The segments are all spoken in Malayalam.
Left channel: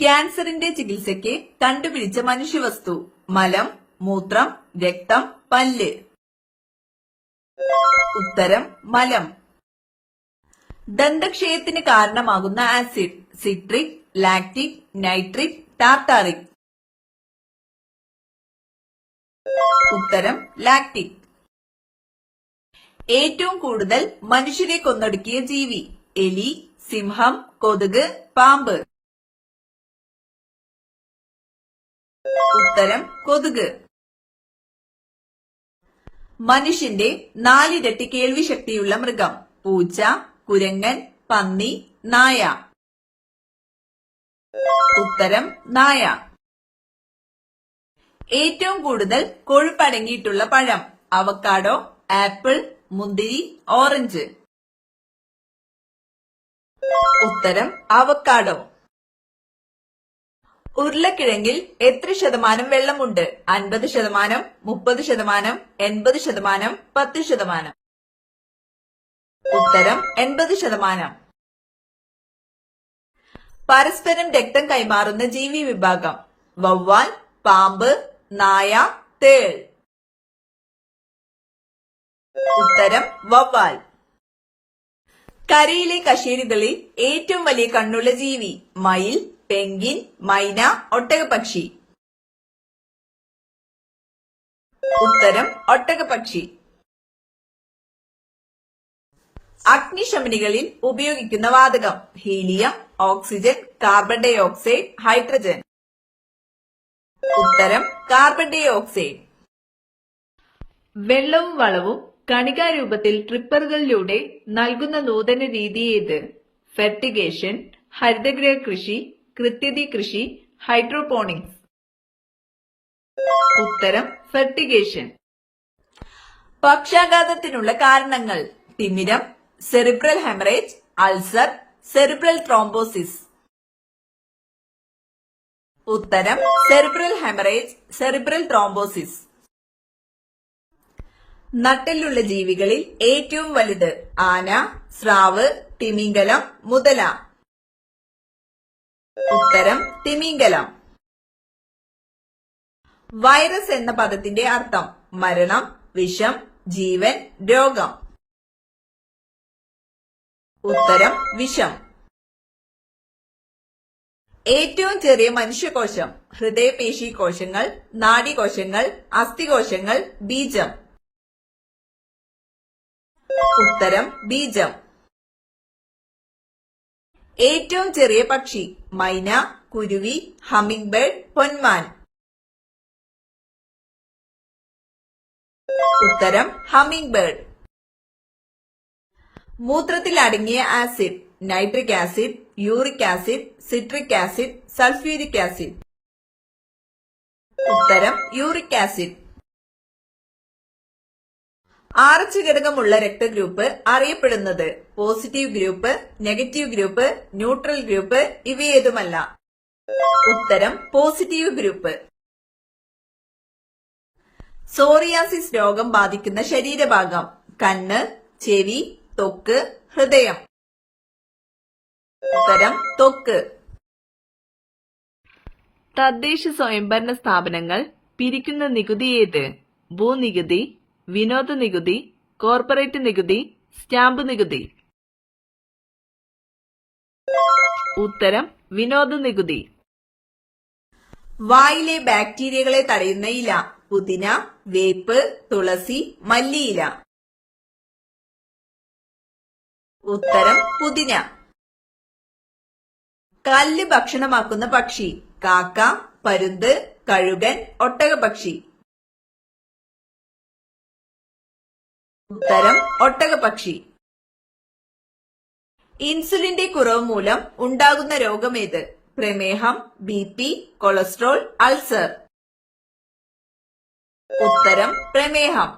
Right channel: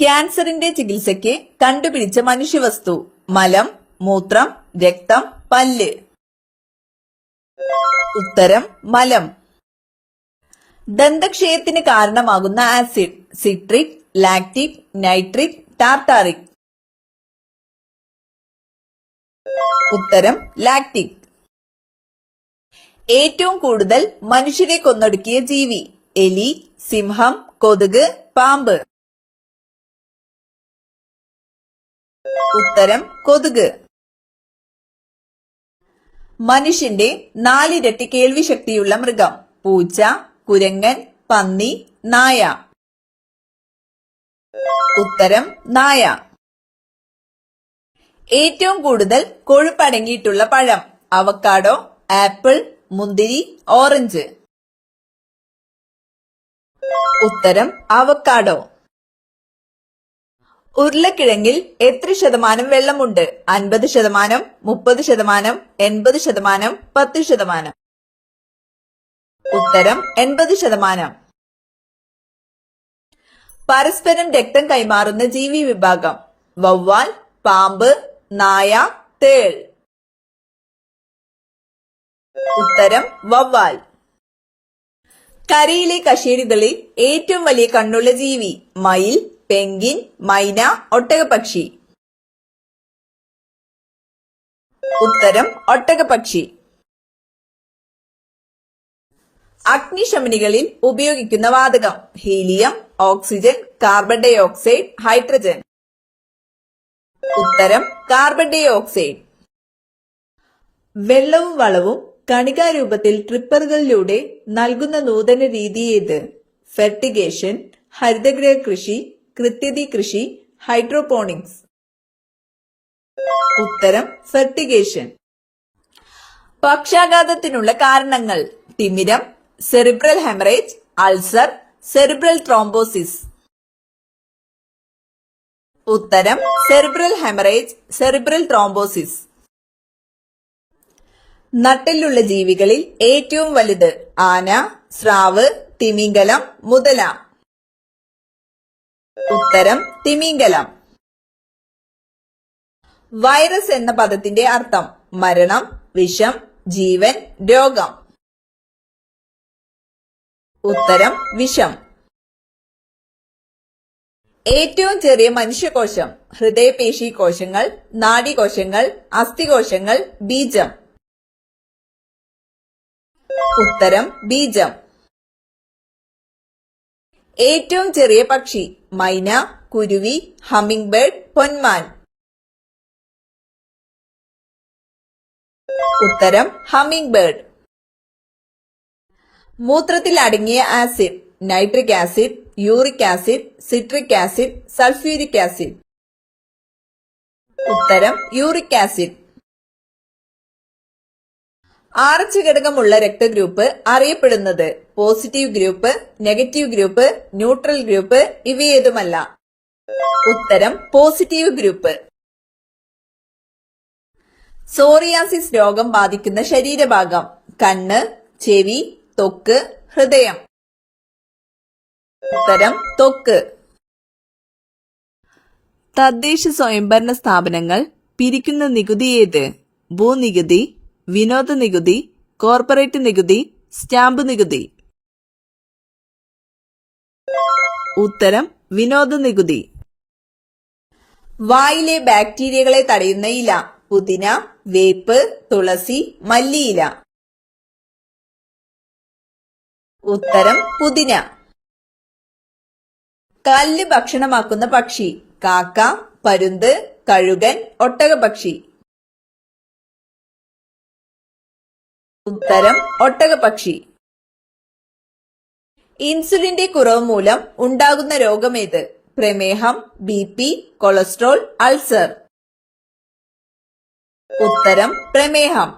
ക്യാൻസറിന്റെ ചികിത്സയ്ക്ക് കണ്ടുപിടിച്ച മനുഷ്യവസ്തു. മലം, മൂത്രം, രക്തം, പല്ല്. ഉത്തരം മലം. ദന്തക്ഷയത്തിന് കാരണമാകുന്ന acid. Citric, lactic, nitric, tartaric. ഉത്തരം ലാക്റ്റിക്. ഏറ്റവും കൂടുതൽ മനുഷ്യരെ കൊന്നൊടുക്കിയ ജീവി. എലി, സിംഹം, കൊതുക്, പാമ്പ്. ഉത്തരം കൊതുക്. മനുഷ്യന്റെ 4 ഇരട്ടി കേൾവി ശക്തിയുള്ള മൃഗം. പൂച്ച, കുരങ്ങൻ, പന്നി, നായ. ഉത്തരം നായ. ഏറ്റവും കൂടുതൽ കൊഴുപ്പടങ്ങിയിട്ടുള്ള പഴം. അവക്കാഡോ, ആപ്പിൾ, മുന്തിരി, ഓറഞ്ച്. ഉത്തരം അവക്കാഡോ. ഉരുളക്കിഴങ്ങിൽ എത്ര ശതമാനം വെള്ളമുണ്ട്? 50%, 30%, 80%, 10%. ഉത്തരം 80%. പരസ്പരം രക്തം കൈമാറുന്ന ജീവി വിഭാഗം. വവ്വാൽ, പാമ്പ്, നായ, തേൾ. ഉത്തരം വവ്വാൽ. കരയിലെ കശേരുകളിൽ ഏറ്റവും വലിയ കണ്ണുള്ള ജീവി. മയിൽ, പെൻഗ്വിൻ, മൈന, ഒട്ടകപ്പക്ഷി. ഉത്തരം ഒട്ടകപ്പക്ഷി. അഗ്നിശമനികളിൽ ഉപയോഗിക്കുന്ന വാതകം. Helium, oxygen, carbon dioxide, hydrogen. ഉത്തരം കാർബൺ ഡൈ ഓക്സൈഡ്. വെള്ളവും വളവും കണികാരൂപത്തിൽ ട്രിപ്പറുകളിലൂടെ നൽകുന്ന നൂതന രീതി ഏത്? ഫെർട്ടിഗേഷൻ, ഹരിതഗൃഹ കൃഷി, കൃത്യതി കൃഷി, ഹൈഡ്രോപോണിക്സ്. ഉത്തരം ഫെർട്ടിഗേഷൻ. പക്ഷാഘാതത്തിനുള്ള കാരണങ്ങൾ. തിമിരം, cerebral haemorrhage, ulcer, cerebral thrombosis. ഉത്തരം സെറിബ്രൽ ഹെമറേജ്, സെറിബ്രൽ ത്രോംബോസിസ്. നട്ടെല്ലുള്ള ജീവികളിൽ ഏറ്റവും വലുത്. ആന, സ്രാവ്, തിമിംഗലം, മുതല. ഉത്തരം തിമിംഗലം. വൈറസ് എന്ന പദത്തിന്റെ അർത്ഥം. മരണം, വിഷം, ജീവൻ, രോഗം. ഉത്തരം വിഷം. ഏറ്റവും ചെറിയ മനുഷ്യകോശം. ഹൃദയപേശി കോശങ്ങൾ, നാഡീകോശങ്ങൾ, അസ്ഥികോശങ്ങൾ, ബീജം. ഉത്തരം ബീജം. ഏറ്റവും ചെറിയ പക്ഷി. മൈന, കുരുവി, ഹമ്മിംഗ് ബേർഡ്, പൊന്മാൻ. ഉത്തരം ഹമ്മിംഗ് ബേർഡ്. മൂത്രത്തിൽ അടങ്ങിയ acid. Nitric acid, uric acid, citric acid, sulphuric acid. ഉത്തരം യൂറിക് ആസിഡ്. RH ഘടകമുള്ള രക്തഗ്രൂപ്പ് അറിയപ്പെടുന്നത്. Positive group, negative group, neutral group, ഇവയേതുമല്ല. ഉത്തരം പോസിറ്റീവ് ഗ്രൂപ്പ്. സോറിയാസിസ് രോഗം ബാധിക്കുന്ന ശരീരഭാഗം. കണ്ണ്, ചെവി, ത്വക്ക്, ഹൃദയം. ഉത്തരം ത്വക്ക്. തദ്ദേശ സ്വയംഭരണ സ്ഥാപനങ്ങൾ പിരിക്കുന്ന നികുതി ഏത്? ഭൂനികുതി, വിനോദ നികുതി, കോർപ്പറേറ്റ് നികുതി, സ്റ്റാമ്പ് നികുതി. ഉത്തരം വിനോദ നികുതി. വായിലെ ബാക്ടീരിയകളെ തടയുന്ന ഇല. പുതിന, വേപ്പ്, തുളസി, മല്ലിയില. ഉത്തരം പുതിന. കല്ല് ഭക്ഷണമാക്കുന്ന പക്ഷി. കാക്ക, പരുന്ത്, കഴുകൻ, ഒട്ടകപ്പക്ഷി. ഉത്തരം ഒട്ടകപ്പക്ഷി. ഇൻസുലിന്റെ കുറവ് മൂലം ഉണ്ടാകുന്ന രോഗമേത്? പ്രമേഹം, BP, കൊളസ്ട്രോൾ, അൾസർ. ഉത്തരം പ്രമേഹം.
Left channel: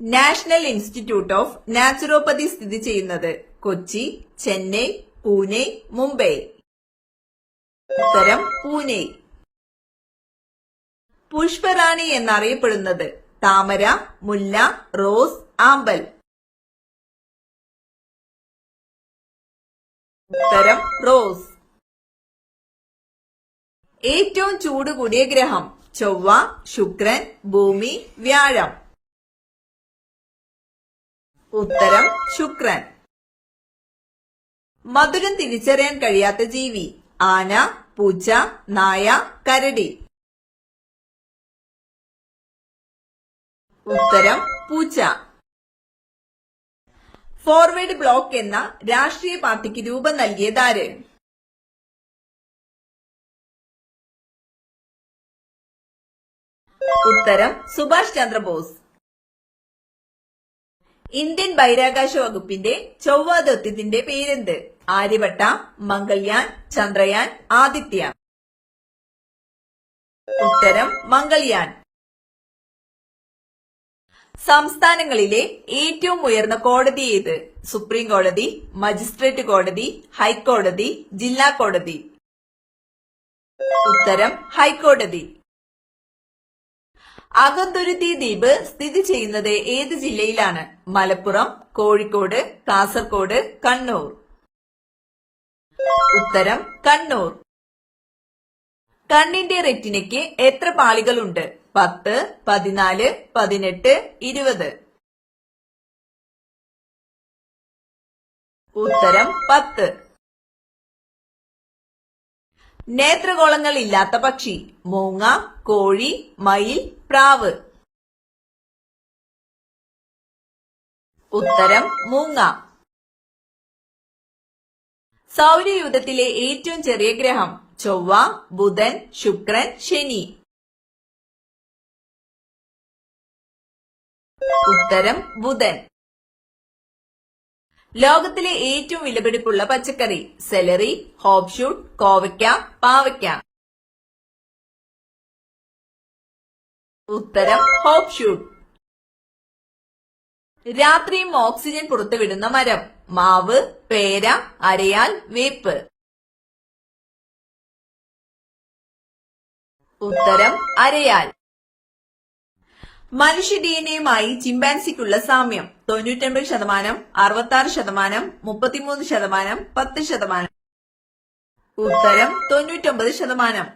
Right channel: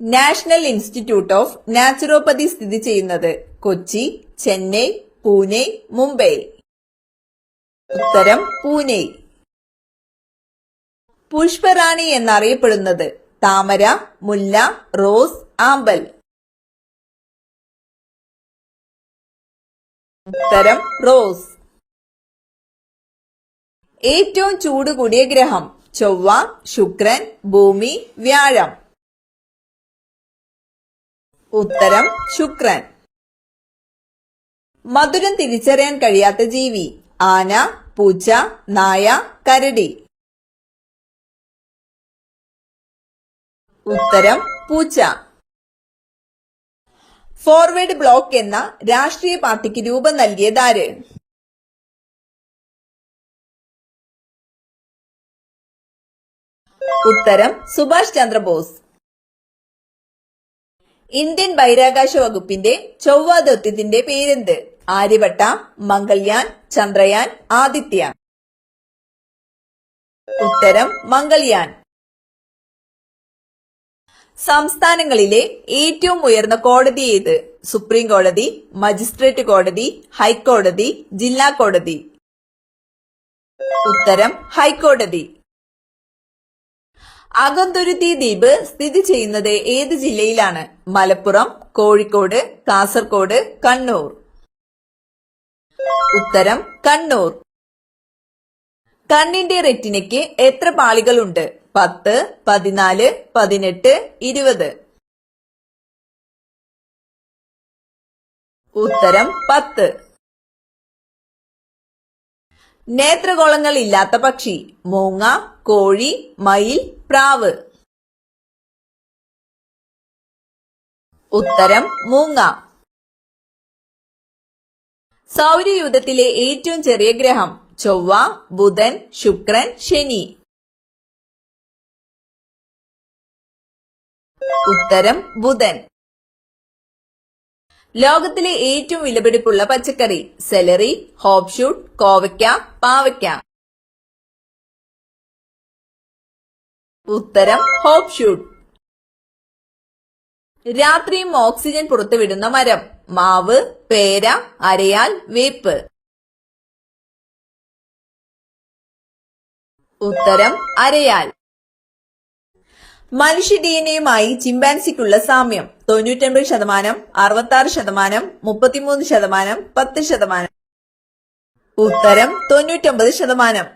നാഷണൽ ഇൻസ്റ്റിറ്റ്യൂട്ട് ഓഫ് നാച്ചുറോപ്പതി സ്ഥിതി ചെയ്യുന്നത്. കൊച്ചി, ചെന്നൈ, പൂനെ, മുംബൈ. ഉത്തരം പൂനെ. പുഷ്പറാണി എന്നറിയപ്പെടുന്നത്. താമര, മുല്ല, റോസ്, ആമ്പൽ. ഉത്തരം റോസ്. ഏറ്റവും ചൂട് കൂടിയ ഗ്രഹം ചൊവ്വ, ശുക്രൻ, ഭൂമി, വ്യാഴം. ഉത്തരം ശുക്രൻ. മധുരം തിരിച്ചറിയാൻ കഴിയാത്ത ജീവി ആന, പൂച്ച, നായ, കരടി. ഉത്തരം പൂച്ച. ഫോർവേഡ് ബ്ലോക്ക് എന്ന രാഷ്ട്രീയ പാർട്ടിക്ക് രൂപം നൽകിയതാര്? ഉത്തരം സുഭാഷ് ചന്ദ്രബോസ്. ഇന്ത്യൻ ബഹിരാകാശ വകുപ്പിന്റെ ചൊവ്വ ദൗത്യത്തിന്റെ പേരെന്ത്? ആര്യഭട്ട, മംഗൾയാൻ, ചന്ദ്രയാൻ, ആദിത്യ. ഉത്തരം മംഗൾയാൻ. സംസ്ഥാനങ്ങളിലെ ഏറ്റവും ഉയർന്ന കോടതി ഏത്? സുപ്രീം കോടതി, മജിസ്ട്രേറ്റ് കോടതി, ഹൈക്കോടതി, ജില്ലാ കോടതി. ഉത്തരം ഹൈക്കോടതി. അഗന്തുരുത്തി ദ്വീപ് സ്ഥിതി ചെയ്യുന്നത് ഏത് ജില്ലയിലാണ്? മലപ്പുറം, കോഴിക്കോട്, കാസർഗോഡ്, കണ്ണൂർ. ഉത്തരം കണ്ണൂർ. കണ്ണിന്റെ റെറ്റിനയ്ക്ക് എത്ര പാളികളുണ്ട്? 10, 14, 18, 20. ഉത്തരം 10. നേത്രഗോളങ്ങൾ ഇല്ലാത്ത പക്ഷി മൂങ്ങ, കോഴി, മയിൽ, പ്രാവ്. ഉത്തരം മൂങ്ങ. സൗരയൂഥത്തിലെ ഏറ്റവും ചെറിയ ഗ്രഹം ചൊവ്വ, ബുധൻ, ശുക്രൻ, ശനി. ഉത്തരം ബുധൻ. ലോകത്തിലെ ഏറ്റവും വിലപിടിപ്പുള്ള പച്ചക്കറി സെലറി, ഹോപ്ഷൂട്ട്, കോവയ്ക്ക, പാവയ്ക്ക. ഉത്തരം ഹോപ്ഷൂട്ട്. രാത്രിയും ഓക്സിജൻ പുറത്തുവിടുന്ന മരം മാവ്, പേര, അരയാൽ, വേപ്പ്. ഉത്തരം അരയാൽ. മനുഷ്യ ഡിഎൻഎയുമായി ചിമ്പാൻസിക്കുള്ള സാമ്യം 99%, 66%, 33%, 10%. ഉത്തരം 99%.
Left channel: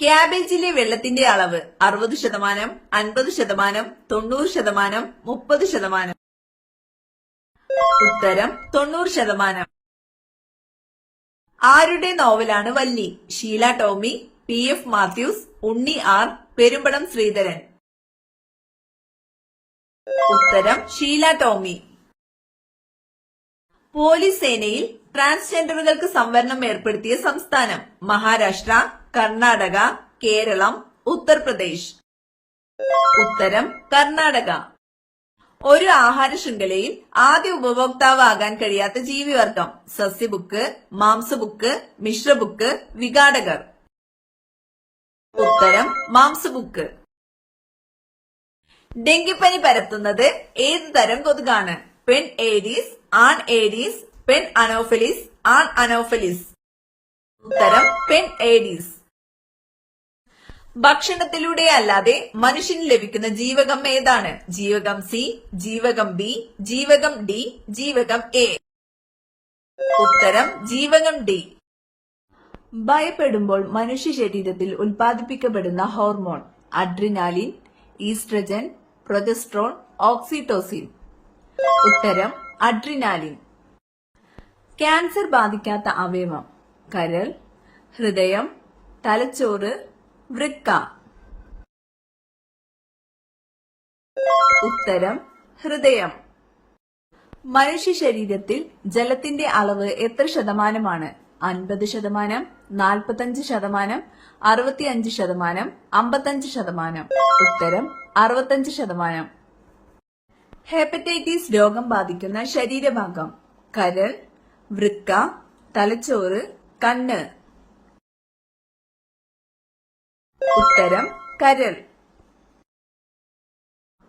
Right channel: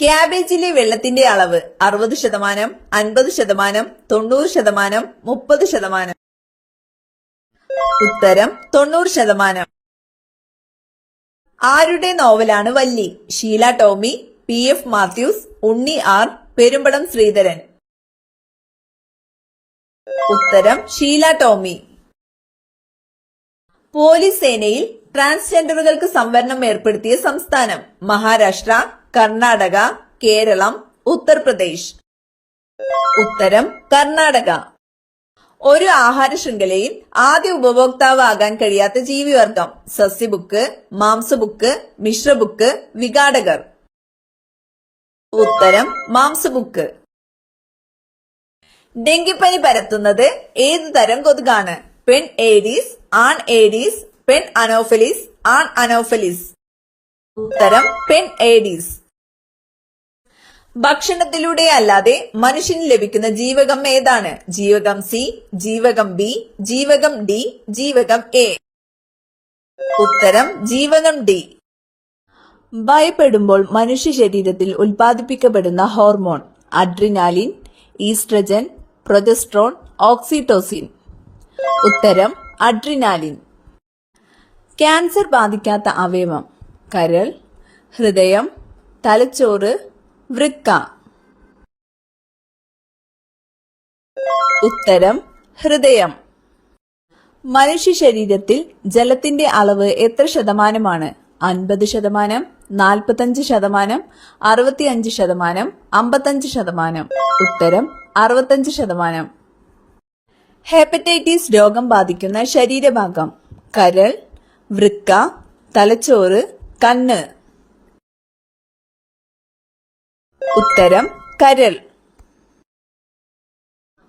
ക്യാബേജിലെ വെള്ളത്തിന്റെ അളവ് 60%, 50%, 90%, 30%. ഉത്തരം 90%. ആരുടെ നോവലാണ് വല്ലി? ഷീല ടോമി, PF മാത്യൂസ്, ഉണ്ണി R, പെരുമ്പടം ശ്രീധരൻ. ഉത്തരം ഷീല ടോമി. പോലീസ് സേനയിൽ ട്രാൻസ്ജെൻഡറുകൾക്ക് സംവരണം ഏർപ്പെടുത്തിയ സംസ്ഥാനം മഹാരാഷ്ട്ര, കർണാടക, കേരളം, ഉത്തർപ്രദേശ്. ഉത്തരം കർണാടക. ഒരു ആഹാര ശൃംഖലയിൽ ആദ്യ ഉപഭോക്താവാകാൻ കഴിയാത്ത ജീവിവർഗം സസ്യബുക്ക്, മാംസബുക്ക്, മിശ്രബുക്ക്, വിഘാടകർ. ഉത്തരം മാംസബുക്ക്. ഡെങ്കിപ്പനി പരത്തുന്നത് ഏത് തരം കൊതുകാണ്? പെൺ ഏഡീസ്, ആൺ ഏഡീസ്, പെൺ അനോഫലിസ്, ആൺ അനോഫലിസ്. ഉത്തരം പെൺ ഏഡീസ്. ഭക്ഷണത്തിലൂടെ അല്ലാതെ മനുഷ്യന് ലഭിക്കുന്ന ജീവകം ഏതാണ്? ജീവകം C, ജീവകം B, ജീവകം D, ജീവകം A. ഉത്തരം ജീവകം D. ഭയപ്പെടുമ്പോൾ മനുഷ്യ ശരീരത്തിൽ ഉൽപ്പാദിപ്പിക്കപ്പെടുന്ന hormone adrenaline, oestrogen, progesterone, oxytocin. ഉത്തരം അഡ്രിനാലിൻ. ക്യാൻസർ ബാധിക്കാത്ത അവയവം കരൾ, ഹൃദയം, തലച്ചോറ്, വൃക്ക. ഉത്തരം ഹൃദയം. മനുഷ്യ ശരീരത്തിൽ ജലത്തിന്റെ അളവ് എത്ര ശതമാനമാണ്? 50%, 45%, 65%, 55%. ഉത്തരം 65%. ഹെപ്പറ്റൈറ്റിസ് രോഗം ബാധിക്കുന്ന ശരീരഭാഗം കരൾ, വൃക്ക, തലച്ചോറ്, കണ്ണ്. ഉത്തരം കരൾ.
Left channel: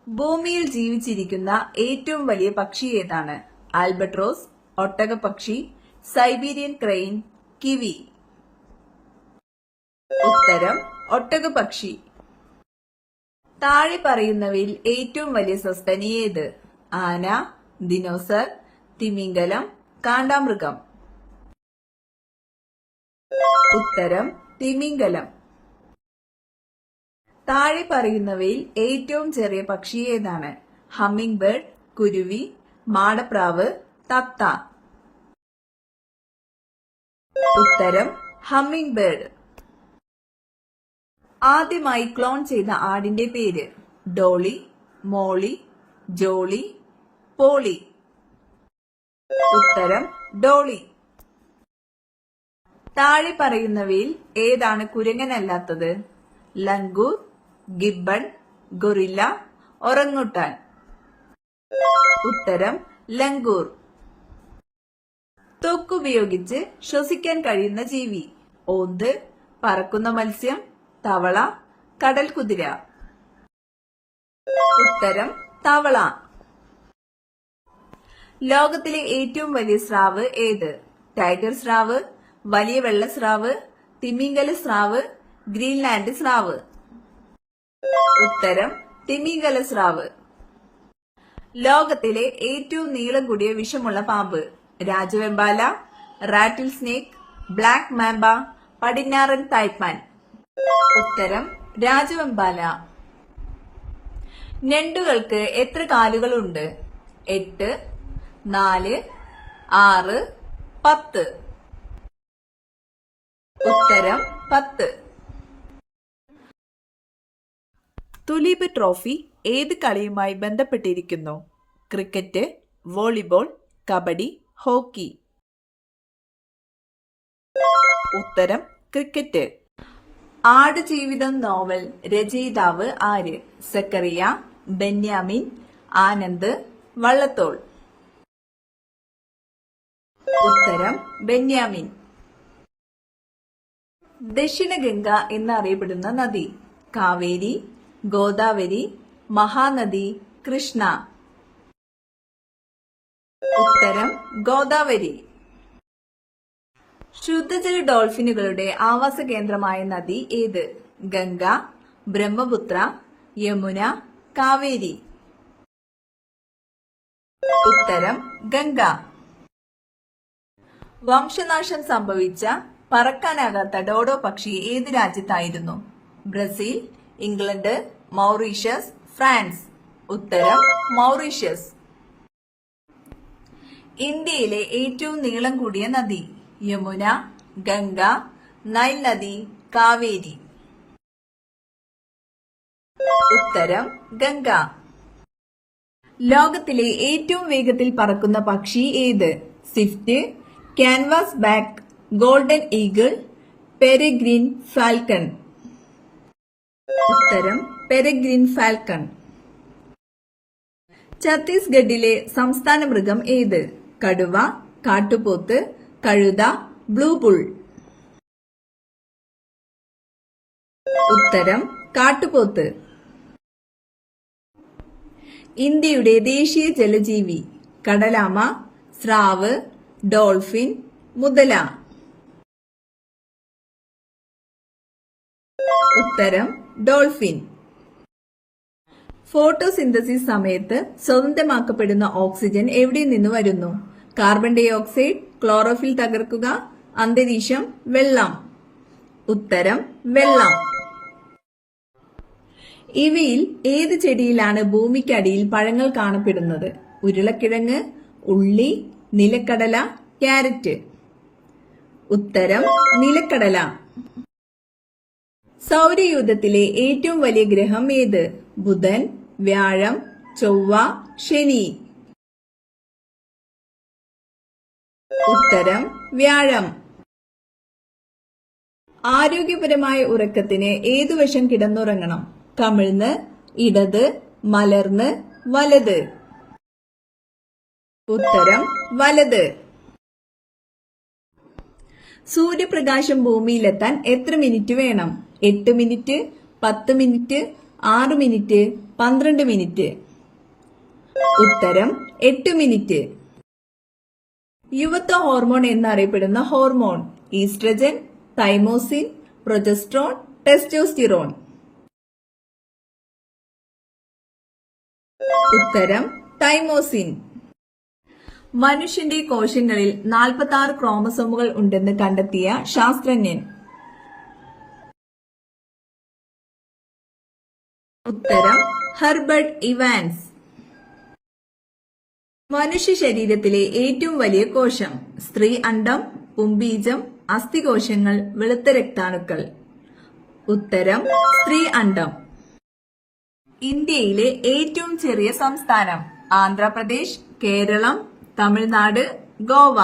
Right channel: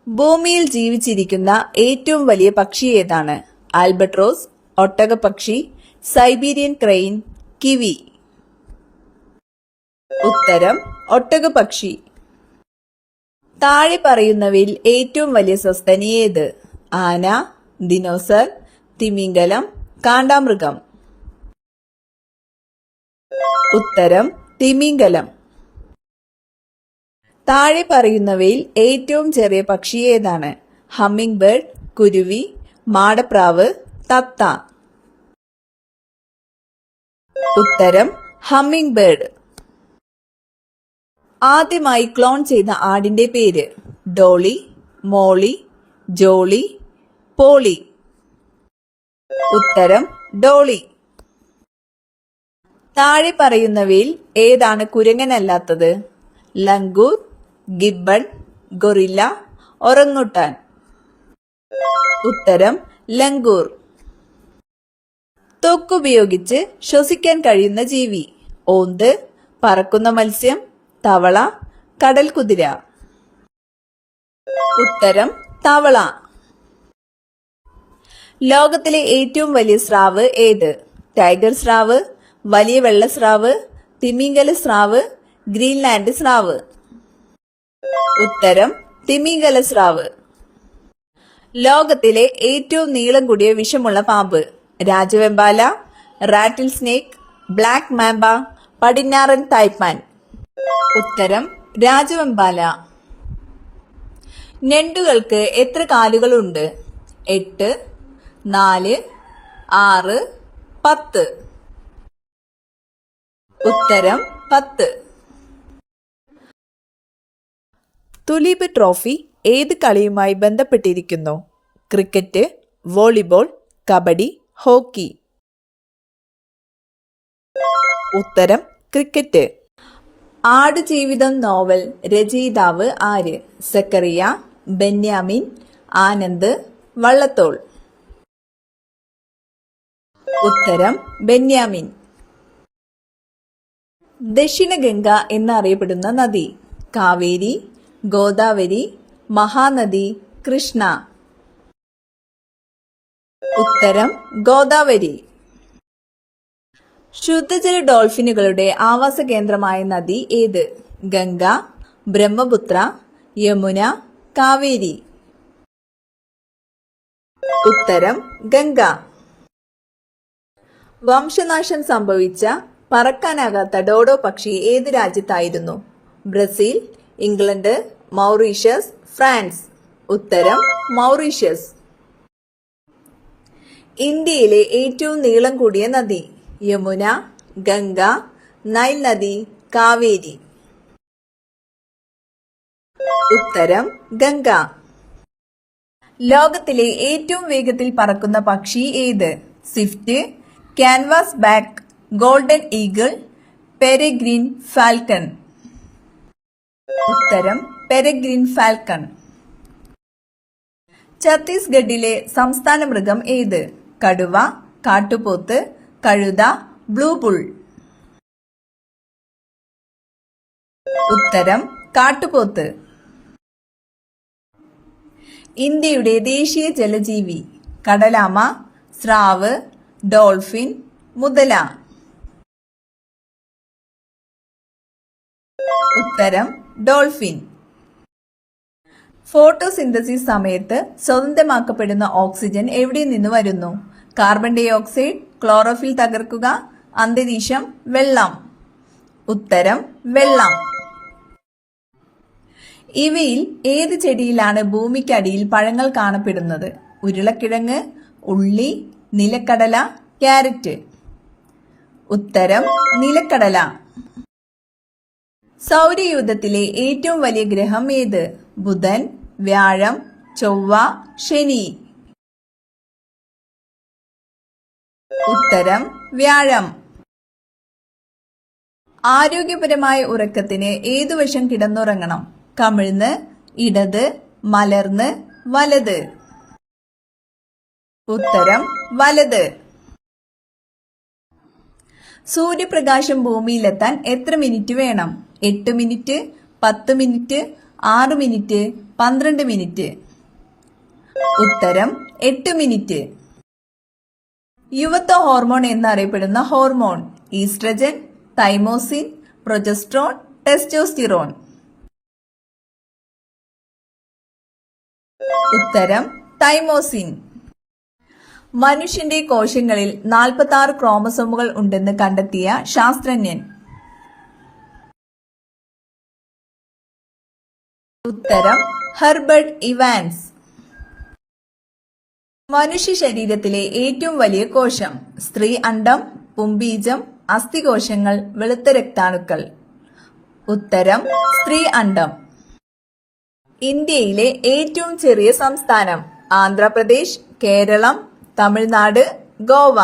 ഭൂമിയിൽ ജീവിച്ചിരിക്കുന്ന ഏറ്റവും വലിയ പക്ഷി ഏതാണ്? ആൽബട്രോസ്, ഒട്ടകപ്പക്ഷി, സൈബീരിയൻ ക്രെയിൻ, കിവി. ഉത്തരം ഒട്ടകപ്പക്ഷി. താഴെ പറയുന്നവയിൽ ഏറ്റവും വലിയ സസ്തനി ഏത്? ആന, ദിനോസർ, തിമിംഗലം, കാണ്ടാമൃഗം. ഉത്തരം തിമിംഗലം. താഴെ പറയുന്നവയിൽ ഏറ്റവും ചെറിയ പക്ഷി ഏതാണ്? ഹമ്മിങ് ബേർഡ്, കുരുവി, മാടപ്രാവ്, തത്ത. ഉത്തരം ഹമ്മിങ് ബേർഡ്. ആദ്യമായി ക്ലോൺ ചെയ്ത ആടിന്റെ പേര്? Dolly, Molly, Jolly, Polly. ഉത്തരം ഡോളി. താഴെ പറയുന്നവയിൽ ഏതാണ് കുരങ്ങനല്ലാത്തത്? Langur, gibbon, gorilla, orangutan. ഉത്തരം ലങ്കൂർ. ത്വക്കുപയോഗിച്ച് ശ്വസിക്കാൻ കഴിയുന്ന ജീവി? ഓന്ത്, പറക്കുന്ന മത്സ്യം, തവള, കടൽ കുതിര. ഉത്തരം തവള. ലോകത്തിലെ ഏറ്റവും വലിയ സ്രാവ് ഏത്? ടൈഗർ സ്രാവ്, വലിയ വെള്ള സ്രാവ്, തിമിംഗല സ്രാവ്, ഗ്രീൻലാൻഡ് സ്രാവ്. ഉത്തരം തിമിംഗല സ്രാവ്. ലോകത്തിലെ ഏറ്റവും നീളം കൂടിയ വിഷമുള്ള പാമ്പ്? രാജവെമ്പാല, റാറ്റിൽ സ്നേക്ക്, ബ്ലാക്ക് മാംബ, പടിഞ്ഞാറൻ തായ്പാൻ. ഉത്തരം രാജവെമ്പാല. ഞണ്ടുകൾക്ക് എത്ര കാലുകളുണ്ട്? 8, 4, 6, 10. ഉത്തരം 10. തുലീപ് ട്രോഫി ഏത് കളിയുമായി ബന്ധപ്പെട്ടിരിക്കുന്നു? Cricket, volleyball, kabaddi, hockey. ഉത്തരം ക്രിക്കറ്റ്. ആടുജീവിതം നോവൽ രചയിതാവ് ആര്? സക്കറിയ, ബെന്യാമിൻ, ആനന്ദ്, വള്ളത്തോൾ. ഉത്തരം ബെന്യാമിൻ. ദക്ഷിണഗംഗ എന്നറിയപ്പെടുന്ന നദി? കാവേരി, ഗോദാവരി, മഹാനദി, കൃഷ്ണ. ഉത്തരം ഗോദാവരി. ശുദ്ധജല ഡോൾഫിനുകളുടെ ആവാസ കേന്ദ്രമായ നദി ഏത്? ഗംഗ, ബ്രഹ്മപുത്ര, യമുന, കാവേരി. ഉത്തരം ഗംഗ. വംശനാശം സംഭവിച്ച പറക്കാനാകാത്ത ഡോഡോ പക്ഷി ഏത് രാജ്യത്തായിരുന്നു? Brazil, England, Mauritius, France. ഉത്തരം മൗറീഷ്യസ്. ഇന്ത്യയിലെ ഏറ്റവും നീളം കൂടിയ നദി? യമുന, ഗംഗ, നൈൽ നദി, കാവേരി. ഉത്തരം ഗംഗ. ലോകത്തിലെ ഏറ്റവും വേഗത്തിൽ പറക്കുന്ന പക്ഷി ഏത്? Swift, canvas back, golden eagle, peregrine falcon. ഉത്തരം പെരെഗ്രിൻ ഫാൽക്കൺ. ഛത്തീസ്ഗഡിലെ സംസ്ഥാന മൃഗം ഏത്? കടുവ, കാട്ടുപോത്ത്, കഴുത, ബ്ലൂ ബുൾ. ഉത്തരം കാട്ടുപോത്ത്. ഇന്ത്യയുടെ ദേശീയ ജലജീവി? കടലാമ, സ്രാവ്, ഡോൾഫിൻ, മുതല. ഉത്തരം ഡോൾഫിൻ. ഫോട്ടോസിന്തസിസ് സമയത്ത് സ്വതന്ത്രമാക്കപ്പെടുന്ന ഓക്സിജൻ എവിടെ നിന്ന് വരുന്നു? കാർബൺ ഡൈ ഓക്സൈഡ്, ക്ലോറോഫിൽ തകർക്കുക, അന്തരീക്ഷം, വെള്ളം. ഉത്തരം വെള്ളം. ഇവയിൽ ഏത് ചെടിയിലാണ് ഭൂമിക്കടിയിൽ പഴങ്ങൾ കാണപ്പെടുന്നത്? ഉരുളക്കിഴങ്ങ്, ഉള്ളി, നിലക്കടല, ക്യാരറ്റ്. ഉത്തരം നിലക്കടല. സൗരയൂഥത്തിലെ ഏറ്റവും വലിയ ഗ്രഹം ഏത്? ബുധൻ, വ്യാഴം, ചൊവ്വ, ശനി. ഉത്തരം വ്യാഴം. ആരോഗ്യപരമായ ഉറക്കത്തിന് ഏതുവശം കിടന്നുറങ്ങണം? കമിഴ്ന്ന്, ഇടത്, മലർന്ന്, വലത്. ഉത്തരം വലത്. സൂര്യപ്രകാശം ഭൂമിയിലെത്താൻ എത്ര മിനിറ്റ് വേണം? 8 മിനിറ്റ്, 10 മിനിറ്റ്, 6 മിനിറ്റ്, 12 മിനിറ്റ്. ഉത്തരം 8 മിനിറ്റ്. യുവത്വ ഹോർമോൺ എന്നറിയപ്പെടുന്ന hormone? Oestrogen, thymosin, progesterone, testosterone. ഉത്തരം തൈമോസിൻ. മനുഷ്യന്റെ കോശങ്ങളിൽ 46 ക്രോമസോമുകൾ ഉണ്ടെന്ന് കണ്ടെത്തിയ ശാസ്ത്രജ്ഞൻ? ഉത്തരം ഹെർബർട്ട് ഇവാൻസ്. മനുഷ്യ ശരീരത്തിലെ ഏറ്റവും വലിയ കോശം? സ്ത്രീ അണ്ഡം, പുംബീജം, അസ്ഥികോശങ്ങൾ, വെളുത്ത രക്താണുക്കൾ. ഉത്തരം സ്ത്രീ അണ്ഡം. ഇന്ത്യയിലെ ഏറ്റവും ചെറിയ സംസ്ഥാനം? ആന്ധ്രാപ്രദേശ്, കേരളം, തമിഴ്നാട്, ഗോവ.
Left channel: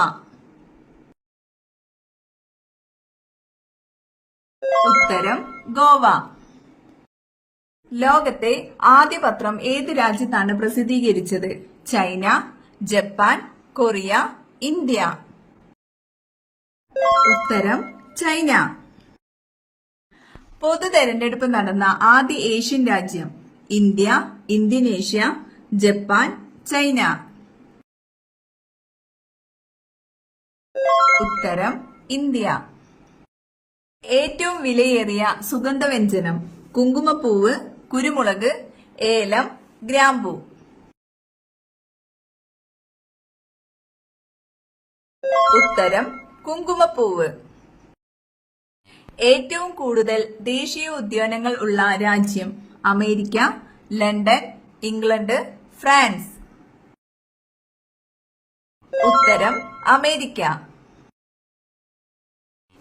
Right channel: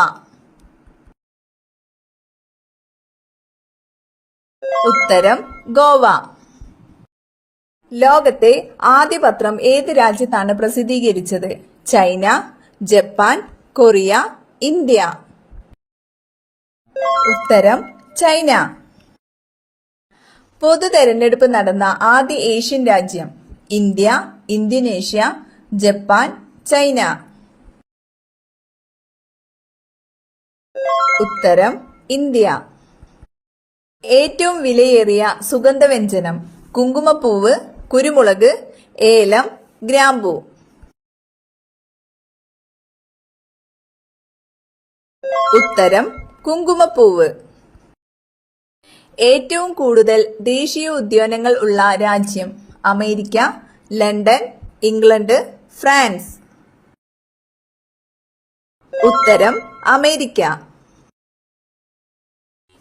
ഉത്തരം ഗോവ. ലോകത്തെ ആദ്യ പത്രം ഏത് രാജ്യത്താണ് പ്രസിദ്ധീകരിച്ചത്? China, Japan, Korea, India. ഉത്തരം ചൈന. പൊതു തെരഞ്ഞെടുപ്പ് നടന്ന ആദ്യ ഏഷ്യൻ രാജ്യം? India, Indonesia, Japan, China. ഉത്തരം ഇന്ത്യ. ഏറ്റവും വിലയേറിയ സുഗന്ധവ്യഞ്ജനം? കുങ്കുമപ്പൂവ്, കുരുമുളക്, ഏലം, ഗ്രാമ്പൂ. ഉത്തരം കുങ്കുമപ്പൂവ്. ഏറ്റവും കൂടുതൽ ദേശീയ ഉദ്യാനങ്ങൾ ഉള്ള രാജ്യം? America, London, England, France. ഉത്തരം അമേരിക്ക.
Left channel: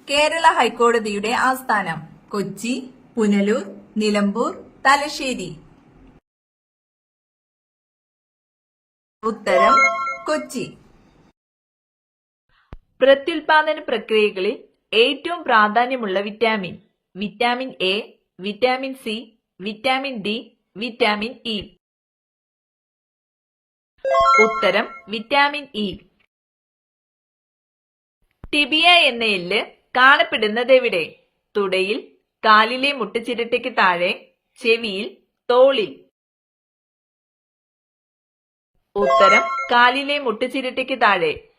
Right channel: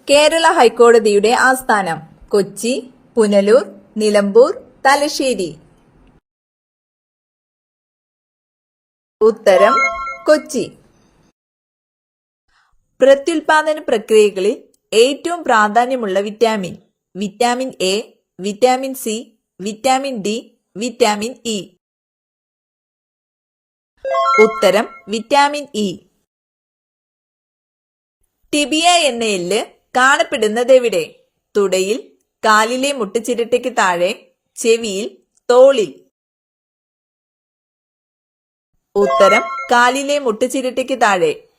കേരള ഹൈക്കോടതിയുടെ ആസ്ഥാനം? കൊച്ചി, പുനലൂർ, നിലമ്പൂർ, തലശ്ശേരി. ഉത്തരം കൊച്ചി. പ്രത്യുൽപാദന പ്രക്രിയകളിൽ ഏറ്റവും പ്രാധാന്യമുള്ള vitamin? Vitamin A, vitamin C, vitamin D, vitamin E. ഉത്തരം വിറ്റാമിൻ ഇ. ടിബിയ എന്ന എല്ല് കാണപ്പെടുന്നതെവിടെ? തുടയിൽ, കാലിലെ മുട്ടുചിരട്ടയ്ക്ക് താഴെ, ചെവിയിൽ, തോളിൽ. ഉത്തരം കാലിലെ മുട്ടുചിരട്ടയ്ക്ക് താഴെ.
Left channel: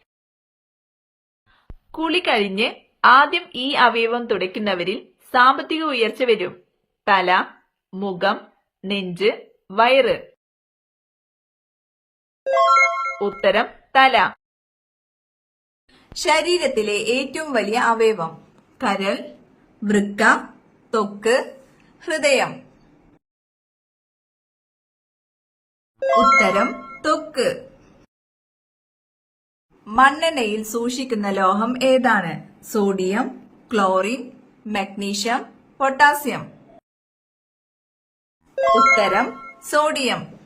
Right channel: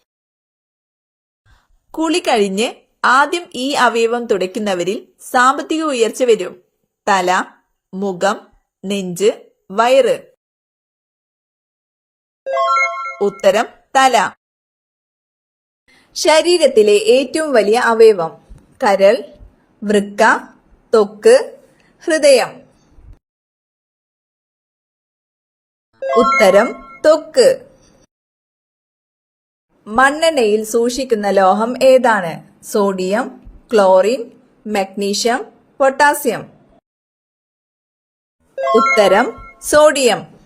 കുളി കഴിഞ്ഞ് ആദ്യം ഈ അവയവം തുടയ്ക്കുന്നവരിൽ സാമ്പത്തിക ഉയർച്ച വരും? തല, മുഖം, നെഞ്ച്, വയറ്. ഉത്തരം തല. ശരീരത്തിലെ ഏറ്റവും വലിയ അവയവം? കരൾ, വൃക്ക, ത്വക്ക്, ഹൃദയം. ഉത്തരം ത്വക്ക്. മണ്ണെണ്ണയിൽ സൂക്ഷിക്കുന്ന ലോഹം ഏതാണ്? Sodium, chlorine, magnesium, potassium. ഉത്തരം സോഡിയം.